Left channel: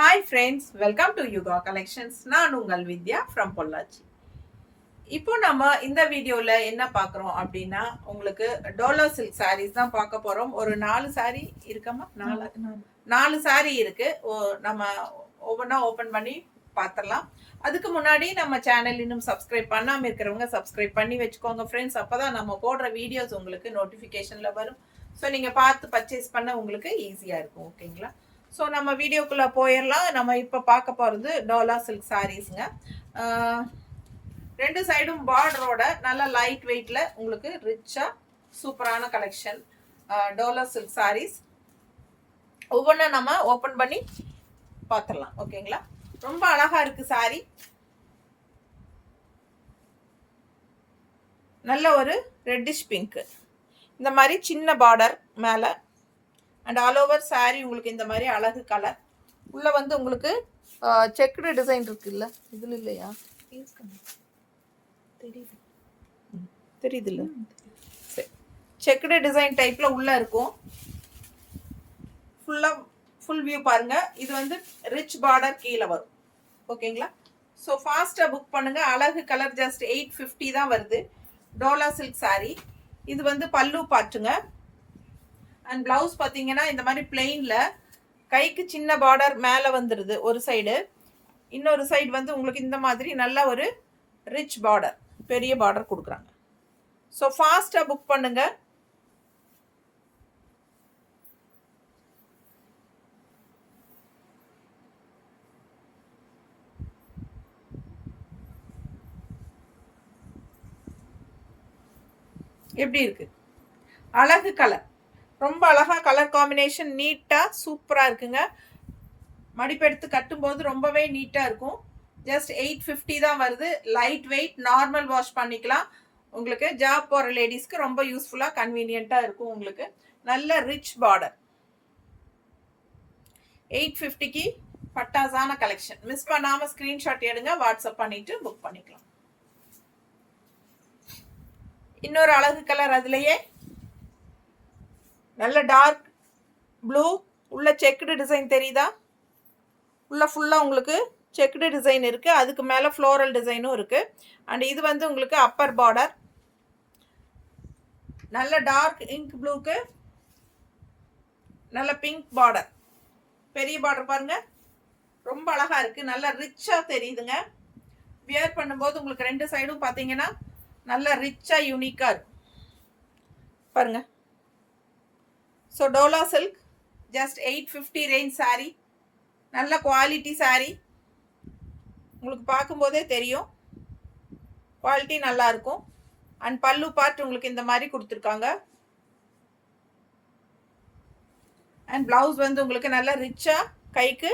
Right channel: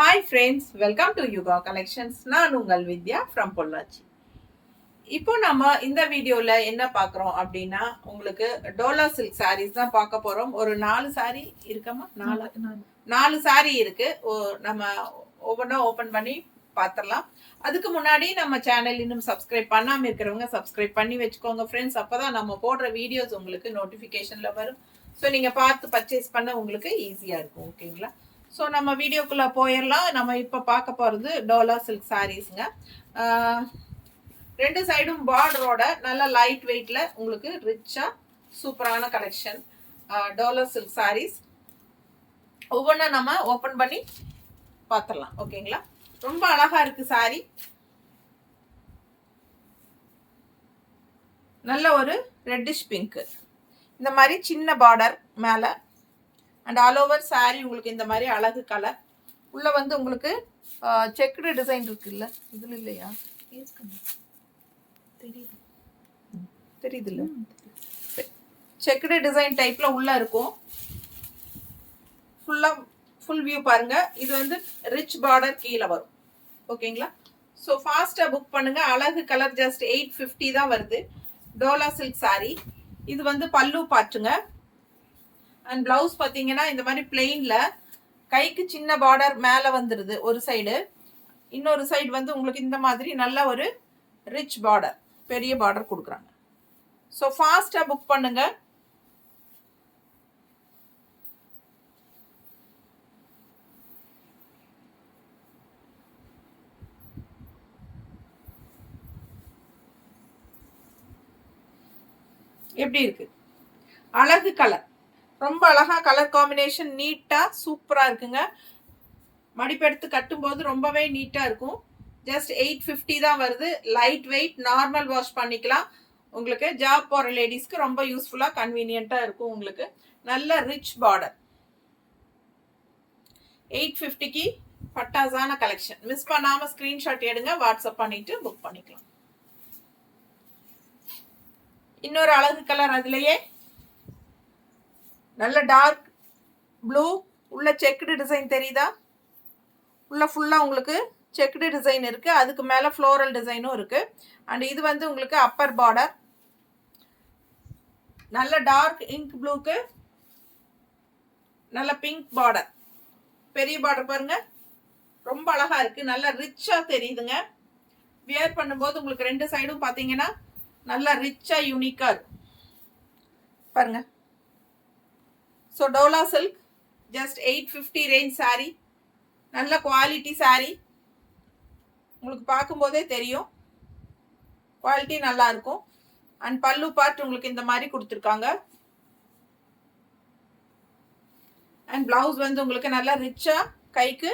Hi friends, welcome to Yuga collections. நான் உங்கள் வித்யா from Pollachi. இப்போ நம்ம இந்த வீடியோல என்ன பார்க்குறோம் அப்படின்னா, உங்களுக்கு டோலா சில்க் சாரீஸ் தான் பார்க்க போறோம். ஒரு 4 சாரீ இருக்கமா? 4 சாரீ இருக்கு. நம்ம ஒவ்வொன்றா ஓப்பன் பண்ணி பார்த்துடலாம். அதுக்கு முன்னாடி நம்ம சேனல் இன்னும் சப்ஸ்கிரைப் பண்ணாமல் இருக்கிறவங்க சப்ஸ்கிரைப் பண்ணி வச்சுக்கோங்க ஃப்ரெண்ட்ஸ். அப்போதான் நம்ம போடுற வீடியோஸ் உங்களுக்கு நோட்டிஃபிகேஷனில் வரும். ஸோ நீங்கள் பார்த்து பர்ச்சேஸ் பண்ண உங்களுக்கு ஈஸியாக இருக்கும். ஓகேங்களா? ஸோ நம்ம வீடியோக்குள்ளே போயிடலாம். நம்ம இப்போ பார்க்க போகிறது டோலா சில்க் சாரீஸுங்க. 2 சைடும் பார்டரோட நல்லா லைட் வெயிட்டில் உங்களுக்கு ரிச்சாக சூப்பரான கலெக்ஷன் டோலா சில்க் சாரீஸ். ஒவ்வொன்றா நம்ம ஓப்பன் பண்ணி பார்த்துடலாம். ஓகேங்களா? ரொம்ப அழகாக இருக்குது சாரீ. நல்ல ஒரு ரெட்டிஷ் பிங்க்கு, இந்த மாதிரி சின்ன பார்டர் மேலே அண்ட் ஆல் ஓவர் சாரீ உங்களுக்கு இந்த மாதிரி அழகு கலர். உள்ளே வந்து உங்களுக்கு செக்குடு டிசைன் இருக்குல்ல, இதில் இல்லையா? தெரியுது இல்லை? செக்குடு டிசைன் டைப்பில் உள்ளே இருக்கும். ஃபுல் வியூ பாருங்கள். இது வந்து ரிச் பார்டர் கீழே வரும். ஓகேங்களா? ஸோ ஃபாஸ்ட்டாக புக் பண்ணுங்கள். அழகு கலர் ஜஸ்ட் 850 தான் வருது. டோலா சில்க் சாரீ. இது வந்து பல்லு பாட்டுங்க. அண்ட் ப்ளவுஸ் பார்த்தீங்கன்னா இந்த மாதிரி பிளெயினில் கைக்கு சின்ன பார்டர் மேலே வந்துடுது ஒரு சைடு. இன்னொரு சைடு வந்து உங்களுக்கு இந்த மாதிரி நல்ல ஒரு ரிச் பார்டர், பெரிய பார்டர் கொடுக்குறாங்க. ஸோ ஃபாஸ்ட்டாக புக் பண்ணுங்க. எப்படி இருக்கு? அழகு கலர், ரொம்ப அழகா கலர் காம்பினேஷன், நீட்டா சூப்பரா இருக்குங்க. மடிப்பெடுத்து கட்டும்போது ரொம்பவே நீட்டா இருக்கும். ஜஸ்ட் 850 தான் வருது. லைட் வெயிட், நார்மல் வாஷ் பண்ணிக்கலாம். உங்களுக்கு ஜாப் போகிற லேடிஸ்க்கு ரொம்ப யூஸ்ஃபுல்லாக கன்வீனியண்ட்டாக இருக்கும். உங்களுக்கு நல்ல ரிச் பார்டர். 850க்கு பட்டாசான கலெக்ஷன். மிஸ் பண்ணாமல் ஸ்க்ரீன்ஷாட் எடுங்க, வாட்ஸ்அப் பண்ணிட்டு புக் பண்ணிக்கலாம். இன்னொரு அழகு கலர், அதுலயே நல்ல டார்க் ப்ளூ, உள்ள செக்குடு டிசைன் தெரியுதா? உள்ள ஃபுல்லாக உங்களுக்கு செக்குடு டிசைன் இருக்குது. அதுக்கு மேலே ஃப்ளோரல் டிசைனும் இருக்குது. அண்ட் இது வந்து உங்களுக்கு அப்பர் பார்டர். நல்ல டார்க் இங்க் ப்ளூக்கு நல்ல பிங்க் பார்டர், பெரிய பார்டர் பாருங்க, ரொம்ப அழகாக இருக்குது. நல்லா ரிச்சாக தெரியுதுங்க. வியர் பண்ணும்போது உங்களுக்கு 2 சைடும் பார்த்தீங்கன்னா நல்லா ரிச்சாக யூனிக்காக இருக்கும் பாருங்க. So Dola silk just 850 range sari. நல்ல குவாலிட்டி சாரீ. உங்களுக்கு பார்க்கும்போதே தெரியும் குவாலிட்டி நல்லா இருக்கும். அண்ட் பல்லு பார்ட் உங்களுக்கு இந்த மாதிரி கொடுத்துருக்காங்க. அண்ட் பிளவுஸ் வந்து உங்களுக்கு நல்லா ரிச்சாக கைக்கு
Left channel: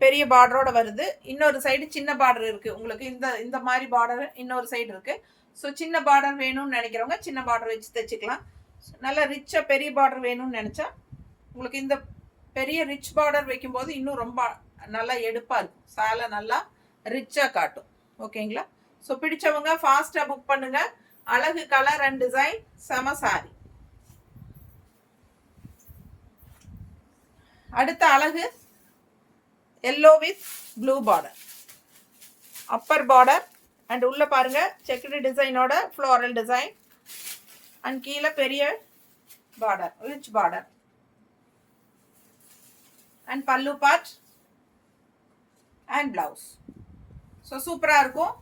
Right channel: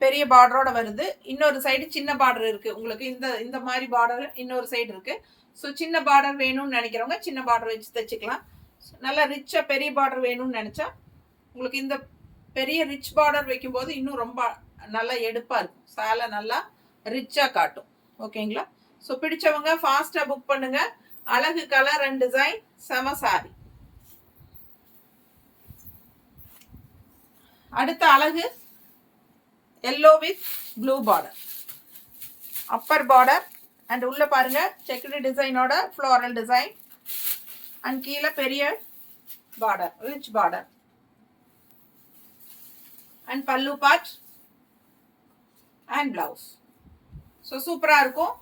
பெரிய பார்டரோட வருது. இன்னொரு சைடு சின்ன பார்டர் இருக்குது உங்களுக்கு. இந்த மாதிரி பார்டர் இன்னொரு சைடு இருக்குது. ஸோ சின்ன பார்டர் வேணும்னு நினைக்கிறவங்க சின்ன பார்டர் வச்சு தைச்சிக்கலாம். நல்லா ரிச்சாக பெரிய பார்டர் வேணும்னு நினச்சா உங்களுக்கு இந்த பெரிய ரிச் பார்டர் வைக்கும்போது இன்னும் ரொம்ப நல்லா எடுப்பாக இருக்கும். சேலை நல்லா ரிச்சாக காட்டும். ஓகேங்களா? ஸோ பிடிச்சவங்க ஃபாஸ்ட்டாக புக் பண்ணுங்க. அழகு கலர் அண்ட் டிசைன், செம சாரி. அடுத்த அழகு yellow with blue border, Appar border. And உள்ள பாருங்க செக்குடு டிசைனோட ஃப்ளோரல் டிசைன். அண்ட் கீழே பெரிய பார்டர், ரிச் பார்டர். அண்ட் பல்லு பார்ட் அண்ட் பிளவுஸ். ஸோ சூப்பராக இருக்கும்.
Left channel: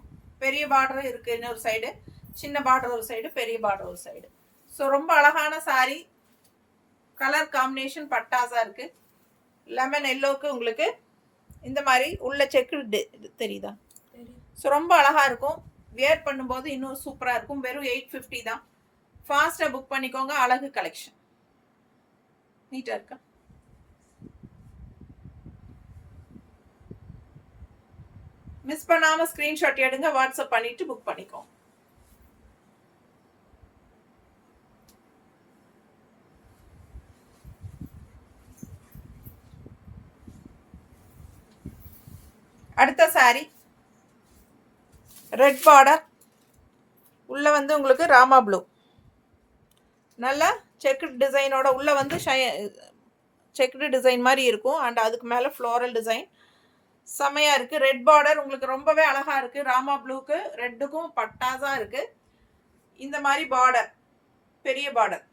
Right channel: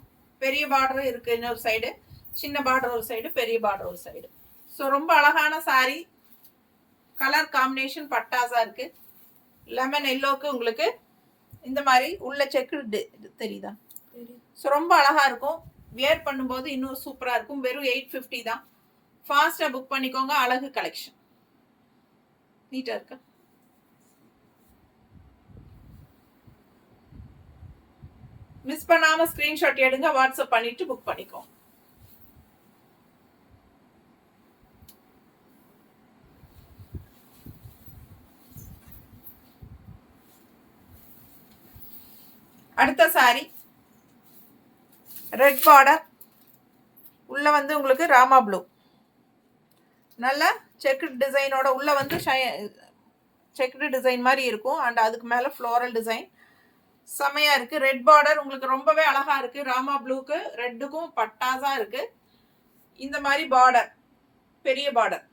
பெரிய பார்டர் இருக்குது இன்னொரு சைடு, சின்ன பார்டர் ஒரு சைடு, பெரிய பார்டர் ஒரு சைடு. ஸோ ரொம்ப அழகான சாரீ. கலர் காம்பினேஷன் பட்டாஸாக இருக்குது. லெமன் எல்லோக்கு உங்களுக்கு இந்த மாதிரி உள்ள செக்கு தெரியுதா? ஸோ ரொம்ப அழகாக இருக்கும். வியர் பண்ணும்போது இன்னும் சூப்பராக இருக்கும். வெறும் 850 தான். ஃபாஸ்ட்டாக புக் பண்ணிக்கோங்க. அழகு கலெக்ஷன். நீட்டாக இருக்கா? மிஸ் பண்ணாமல் ஸ்க்ரீன்ஷாட் எடுங்க, வாட்ஸ்அப் பண்ணிட்டு புக் பண்ணிக்கோங்க. அடுத்த சாரி ரெட் பார்டர். உள்ள வந்து உங்களுக்கு ராமா ப்ளூ, நல்ல செக்குடு டிசைனோட உள்ள வந்து செக்குடு டிசைன் மாதிரி இருக்கும். அண்ட் அதுக்கு மேலே ஃப்ளோரல் டிசைன் செமையாக இருக்குது. ரெட் பார்டர் உங்களுக்கு ரொம்பவே அழகாக இருக்குது. ராமா ப்ளூக்கு ரெட்டுக்கும் பட்டாஸாக இருக்குது. இந்த மாதிரி பார்டர், பெரிய பார்டர்.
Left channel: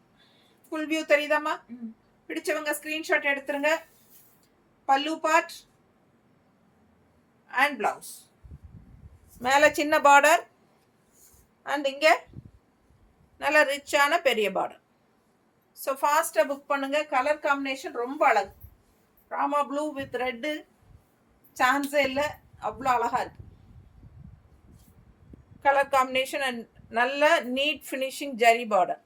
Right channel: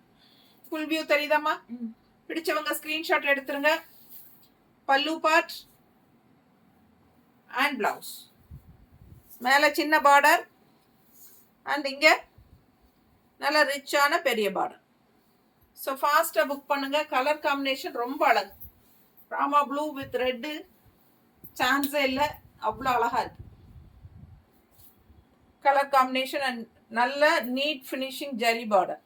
Full view தெரியுதாம்மா? பிடிச்சவங்க ஸ்க்ரீன்ஷாட் எடுத்துருங்க. பல்லு பார்ட் அண்ட் பிளவுஸ். மேலே சின்ன பார்டர் அண்ட் இங்கே நல்ல ரிச்சான பெரிய பார்டர். ஸோ ஃபாஸ்ட்டாக புக் பண்ணுங்கள். கலர் காம்பினேஷன் ரொம்ப அழகு. ராமா ப்ளூ வித் ரெட்டு சான்ஸே இல்லை, அவ்வளோ அழகாக இருக்குது கலர் காம்பினேஷன். அண்ட் நல்ல நீட் ஃபினிஷிங் ஜரி பார்டர்.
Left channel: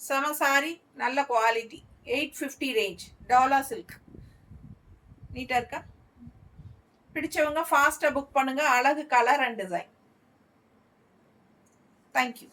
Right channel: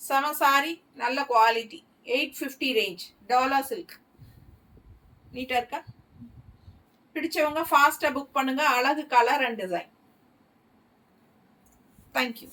செம சாரி, நல்ல குவாலிட்டி. 850 ரேஞ்ச். டாலா சில்க். நீட்டாக இருக்கா? பிடிச்சவங்க ஃபாஸ்ட்டாக புக் பண்ணுங்கள். அழகு கலர் அண்ட் டிசைன். தேங்க்யூ.